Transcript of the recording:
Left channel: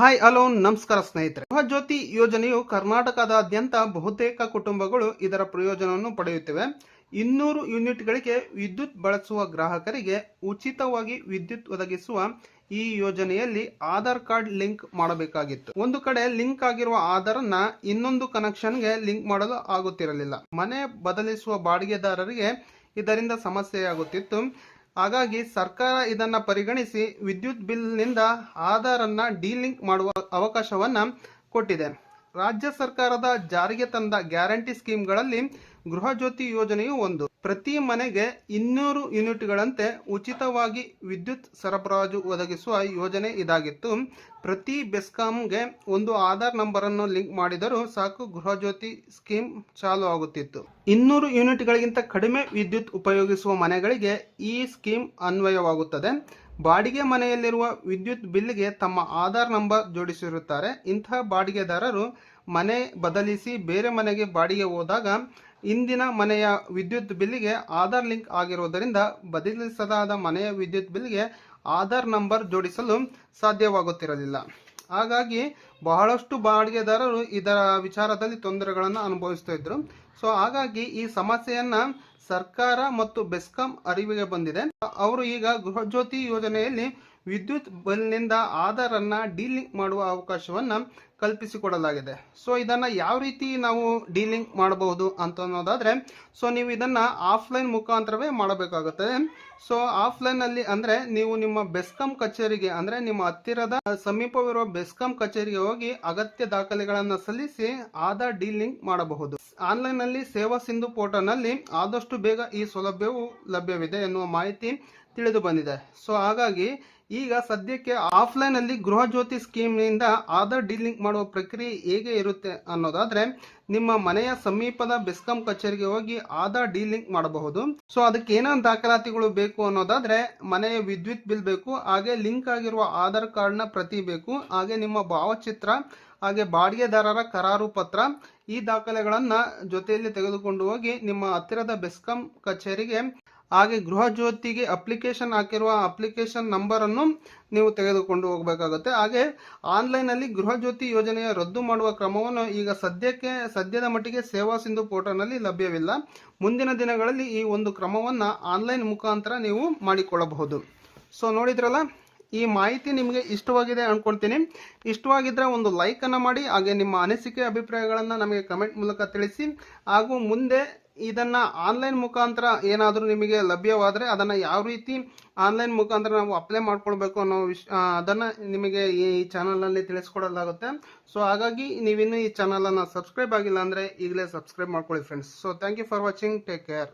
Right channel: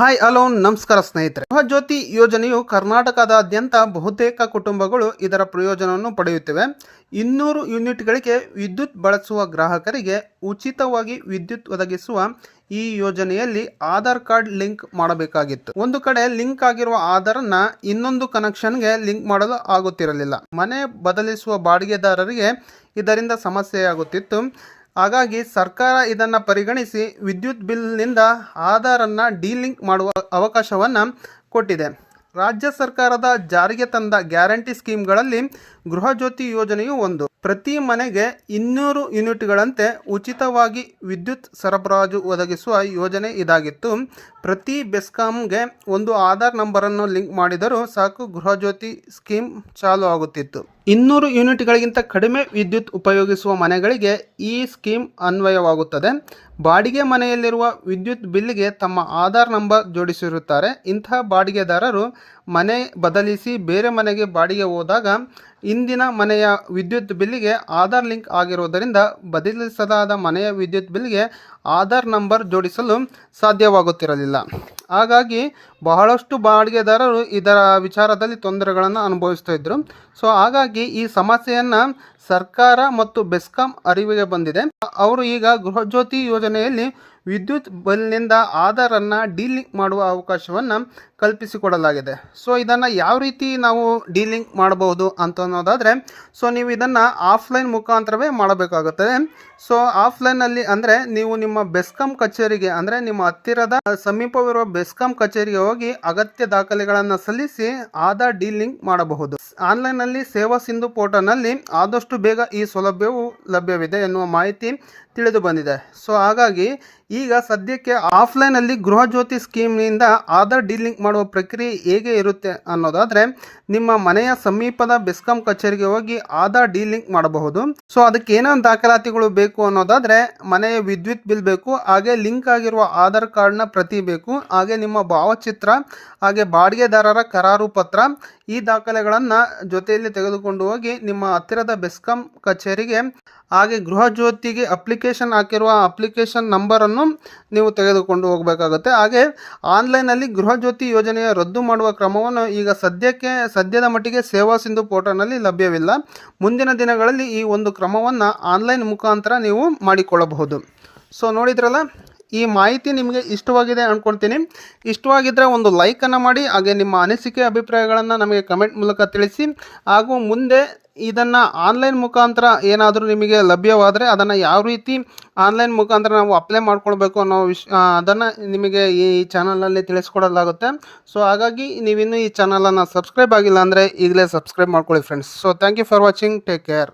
Hi hello ನಮಸ್ಕಾರ ಸ್ನೇಹಿತರೆ. ಗೃಹ ಜ್ಯೋತಿ ಯೋಜನೆಯು ಕರ್ನಾಟಕದಾದ್ಯಂತ ಬಹುತೇಕ ಕುಟುಂಬಗಳು ಇದರ ಪ್ರಯೋಜನವನ್ನು ಪಡೆಯುತ್ತಿವೆ. ಇನ್ನೂರು ಯೂನಿಟ್ಗಳಿಗೆ ವಿದ್ಯುತ್ ಬಳಸುವ ಗ್ರಾಹಕರಿಗೆ ಉಚಿತವಾಗಿ ವಿದ್ಯುತ್ ಒದಗಿಸುವ ಈ ಯೋಜನೆಯಲ್ಲಿ ಆಧಾರ್ ಕಾರ್ಡ್ ಲಿಂಕ್ ಮಾಡಬೇಕಾಗಿತ್ತು. ಒಂದು ಕಡೆ ಲಿಂಕ್ ಆಗಿರುವ ಆಧಾರನ್ನ ಇನ್ನೊಂದು ಕನೆಕ್ಷನ್ಗೆ ಲಿಂಕ್ ಮಾಡಲು ಆಗುತ್ತಿರಲಿಲ್ಲ. ಮನೆ ಬದಲಿಸುವ ಬಾಡಿಗೆದಾರರಿಗೆ ಇದರಿಂದ ಸಮಸ್ಯೆಯಾಗುತ್ತಿತ್ತು. ಹಾಗಾಗಿ ಸರ್ಕಾರ ಇದನ್ನು ಪರಿಗಣಿಸಿ ವಿದ್ಯುತ್ ಬಿಲ್ನಿಂದ ಆಧಾರನ್ನು ಡಿಲಿಂಕ್ ಮಾಡುವ ಅವಕಾಶವನ್ನು ಕೊಟ್ಟಿದೆ. ರಾಜ್ಯ ಸರ್ಕಾರದ ಜಾರಿಗೆ ತಂದ ಗ್ಯಾರಂಟಿ ಸ್ಕೀಮ್ಗಳಲ್ಲಿ ಗೃಹ ಜ್ಯೋತಿ ಯೋಜನೆಯು ಒಂದು. ಪ್ರತಿ ಮನೆಗೆ ಇನ್ನೂರು ಯೂನಿಟ್ಗಳಂತೆ ಉಚಿತವಾಗಿ ವಿದ್ಯುತ್ ಸರಬರಾಜು ಒದಗಿಸುವ ಯೋಜನೆ ಇದಾಗಿತ್ತು. ಪ್ರತಿ ಬೆಸ್ಕಾಂಗೆ ಒಂದು ಆಧಾರ್ ನಂಬರನ್ನು ಲಿಂಕ್ ಮಾಡಿದರೂ ಸಾಕು ಗೃಹ ಜ್ಯೋತಿ ಸ್ಕೀಮ್ ಚಾಲು ಆಗುತ್ತಿತ್ತು. ಇನ್ನೂರು ಯೂನಿಟ್ಗಳಿಗಿಂತ ಕಡಿಮೆ ವಿದ್ಯುತ್ ಉಪಯೋಗಿಸುವ ಮನೆಗಳಿಗೆ ಈ ಸ್ಕೀಮ್ ಅನ್ವಯವಾಗುತ್ತದೆ. ಬಾಡಿಗೆ ಮನೆಯಲ್ಲಿರುವ ವಿದ್ಯುತ್ ಬಿಲ್ಗೆ ತಮ್ಮ ಆಧಾರ್ ನಂಬರ್ ಜೋಡಿಸಿರುತ್ತಾರೆ. ಇಂತಹ ಬಾಡಿಗೆದಾರರು ಮನೆ ಬದಲಿಸಿ ಬೇರೆ ಮನೆಗೆ ಬಾಡಿಗೆ ಹೋದಾಗ ಇಂದಿನ ಮನೆಯ ವಿದ್ಯುತ್ ಬಿಲ್ಲಿಗೆ ಆಧಾರ್ ಲಿಂಕ್ ಆಗಿರುವುದರಿಂದ ಬದಲಿಸಲಾದ ಮನೆಯ ವಿದ್ಯುತ್ ಬಿಲ್ಗೆ ಆಧಾರ್ ನಂಬರ್ ಜೋಡಿಸಲು ಸಾಧ್ಯವಾಗುತ್ತಿರಲಿಲ್ಲ. ಹಾಗಾಗಿ ಬಹಳಷ್ಟು ಬಾಡಿಗೆದಾರರು ಇದರ ವಿಚಾರದಲ್ಲಿ ತೊಂದರೆಗಳನ್ನು ಅನುಭವಿಸ್ತಾ ಇದ್ದರು ಸೊ, ಹಾಗಾಗಿ ಈ ಸಮಸ್ಯೆಯನ್ನು ಸರ್ಕಾರ ಮತ್ತು ಬೆಸ್ಕಾಂ ಅರಿವಿಗೆ ಬಂದಿದೆ. ಅವರು ಈಗ ಗೃಹಜ್ಯೋತಿ ಯೋಜನೆಯಲ್ಲಿ ವಿದ್ಯುತ್ ಬಲ್ನಿಂದ ಆಧಾರನ್ನು ಡೀಲಿಂಕ್ ಮಾಡುವ ಅವಕಾಶವನ್ನು ಕಲ್ಪಿಸಿಕೊಡಲಾಗಿದೆ. ಸೊ, ಇದನ್ನು ಯಾವ ರೀತಿ ನಾವು ಡೀಲಿಂಕ್ ಮಾಡಬಹುದು ಅಂತ ಅನ್ನೋದಾದರೆ, ಸೊ, ನೀವು ಇದನ್ನು ಆಫ್ಲೈನ್ ಮುಖಾಂತರವೇ ಮಾಡಬೇಕಾಗುತ್ತದೆ. ಸೊ ಆಫ್ಲೈನಲ್ಲಿ ಅಂದರೆ ನೀವು ನಿಮ್ಮ ಬೆಸ್ಕಾಂ ಕಚೇರಿಗೆ ಅಂದರೆ ನಿಮ್ಮ ಹತ್ತಿರದ ಸಮೀಪವಿರುವ ಬೆಸ್ಕಾಂ ಕಚೇರಿಗೆ ಹೋಗಿ ಅಗತ್ಯ ದಾಖಲೆಗಳನ್ನು ಸಲ್ಲಿಸಿ ಆಧಾರ್ ಡೀಲಿಂಕ್ ಮಾಡಬಹುದು. ಆನ್ಲೈನ್ನಲ್ಲಿ ಸೇವಾ ಸಿಂಧು ಪೋರ್ಟಲ್ನಲ್ಲಿ ಆದಷ್ಟು ಬೇಗ ಈ ಸೌಲಭ್ಯವು ಲಭ್ಯವಿದೆ ಎನ್ನುವ ಮಾಹಿತಿ ತಿಳಿದು ಬಂದಿದೆ. ಸೊ, ಹಾಗಾಗಿ ಈಗ ಸದ್ಯಕ್ಕೆ ಆಫ್ಲೈನಲ್ಲಿ ಗೃಹ ಜ್ಯೋತಿ ಸ್ಕೀಮ್ನಿಂದ ಆಧಾರ್ ಡೀಲಿಂಕ್ ಮಾಡುವ ಪ್ರಕ್ರಿಯೆ ಹೇಗೆ ಇರುತ್ತೆ ಅನ್ನೋದಾದರೆ, ನಿಮ್ಮ ಮನೆಯ ಸಮೀಪದ ಬೆಸ್ಕಾಂ ಕಚೇರಿಗೆ ಹೋಗಿ ಆಧಾರ್ ಡೀಲಿಂಕ್ ಮಾಡಬಹುದು. ಸೊ ಅದಕ್ಕೆ ಏನೇನು ದಾಖಲಾತಿಗಳು ಬೇಕು ಅನ್ನೋದಾದರೆ, ಮನೆಯ ವಿದ್ಯುತ್ ಬಿಲ್ ಬೇಕು, ಹಾಗೆ ಲಿಂಕ್ ಆಗಿರುವ ಆಧಾರ್ ಕಾರ್ಡ್ನ ಪ್ರತಿ ಬೇಕು, ಹಾಗೆ ನಿಮ್ಮ ಭಾವಚಿತ್ರ, ಹಾಗೆ ಬಾಡಿಗೆದಾರರ ಕರಾರು ಪತ್ರ, ಈ ದಾಖಲೆಗಳನ್ನು ಜೊತೆಯಲ್ಲಿ ತೆಗೆದುಕೊಂಡು ಹೋಗಿ ನಿಮ್ಮ ಹತ್ತಿರದ ಬೆಸ್ಕಾಂ ಕಚೇರಿಗೆ ಹಾಗೆ ಗೃಹ ಜ್ಯೋತಿಗೆ ಅಪ್ಲಿಕೇಶನ್ ಹಾಕಿರುವ ಅಪ್ಲಿಕೇಶನ್ ನಂಬರನ್ನು ನೀವು ತೆಗೆದುಕೊಂಡು ಹೋಗಬೇಕಾಗುತ್ತೆ. ಹಾಗೆ ಆನ್ಲೈನಲ್ಲಿ ಗೃಹ ಜ್ಯೋತಿ ಯೋಜನೆಯ ರದ್ದು ಮಾಡುವ ಕ್ರಮವನ್ನು ಈಗ ಸದ್ಯಕ್ಕೆ, ಸದ್ಯದ ಮಟ್ಟಿಗೆ ಸೇವಾ ಸಿಂಧು ಪೋರ್ಟಲ್ನಲ್ಲಿ ಲಭ್ಯವಿಲ್ಲ. ಮುಂದಿನ ದಿನಗಳಲ್ಲಿ ಈ ಒಂದು ಕ್ರಮವನ್ನು ಆನ್ಲೈನ್ ಮುಖಾಂತರ ನೀವು ಮಾಡಿಕೊಳ್ಳಬಹುದು. ಸೊ ನೋಡಿದ್ರಲ್ಲ ಈ ಮಾಹಿತಿ ನಿಮಗೆ ಇಷ್ಟವಾಗಿದೆ ಅಂದ್ಕೊಳ್ತೀನಿ ಇಷ್ಟವಾಗಿದ್ದರೆ ಒಂದು ಲೈಕನ್ನು ಮಾಡಿ, ಹಾಗೆ ನಿಮ್ಮ ಅನಿಸಿಕೆ, ಅಭಿಪ್ರಾಯಗಳನ್ನು ನಮಗೆ ಕಮೆಂಟ್ ಮೂಲಕ ತಿಳಿಸಿ. ಹಾಗೂ ಮುಂದೆ ಇದನ್ನು ಆನ್ಲೈನ್ ಮುಖಾಂತರ ಏನಾದರೂ ನಿಮಗೆ ಲಭ್ಯವಾದರೆ ಅದನ್ನು ಯಾವ ರೀತಿ ಆನ್ಲೈನ್ ಮುಖಾಂತರ ನಾವು ಅಪ್ಲೈ ಮಾಡ್ಕೊಳ್ಬೇಕು ಅನ್ನೋ ವಿಷ ಅದನ್ನು ನಿಮಗೆ ಈ ಚಾನಲಲ್ಲಿ ತಿಳಿಸ್ಕೊಡಲಾಗುತ್ತೆ. ಸೊ ಹಾಗಾಗಿ ನೀವಿನ್ನೂ ಈ ಚಾನಲನ್ನು ಸಬ್ಸ್ಕ್ರೈಬ್ ಆಗಿಲ್ಲ ಅಂದರೆ ಈಗಲೇ ಸಬ್ಸ್ಕ್ರೈಬ್ ಮಾಡ್ಕೊಳ್ಳಿ friends so thank you for watching take care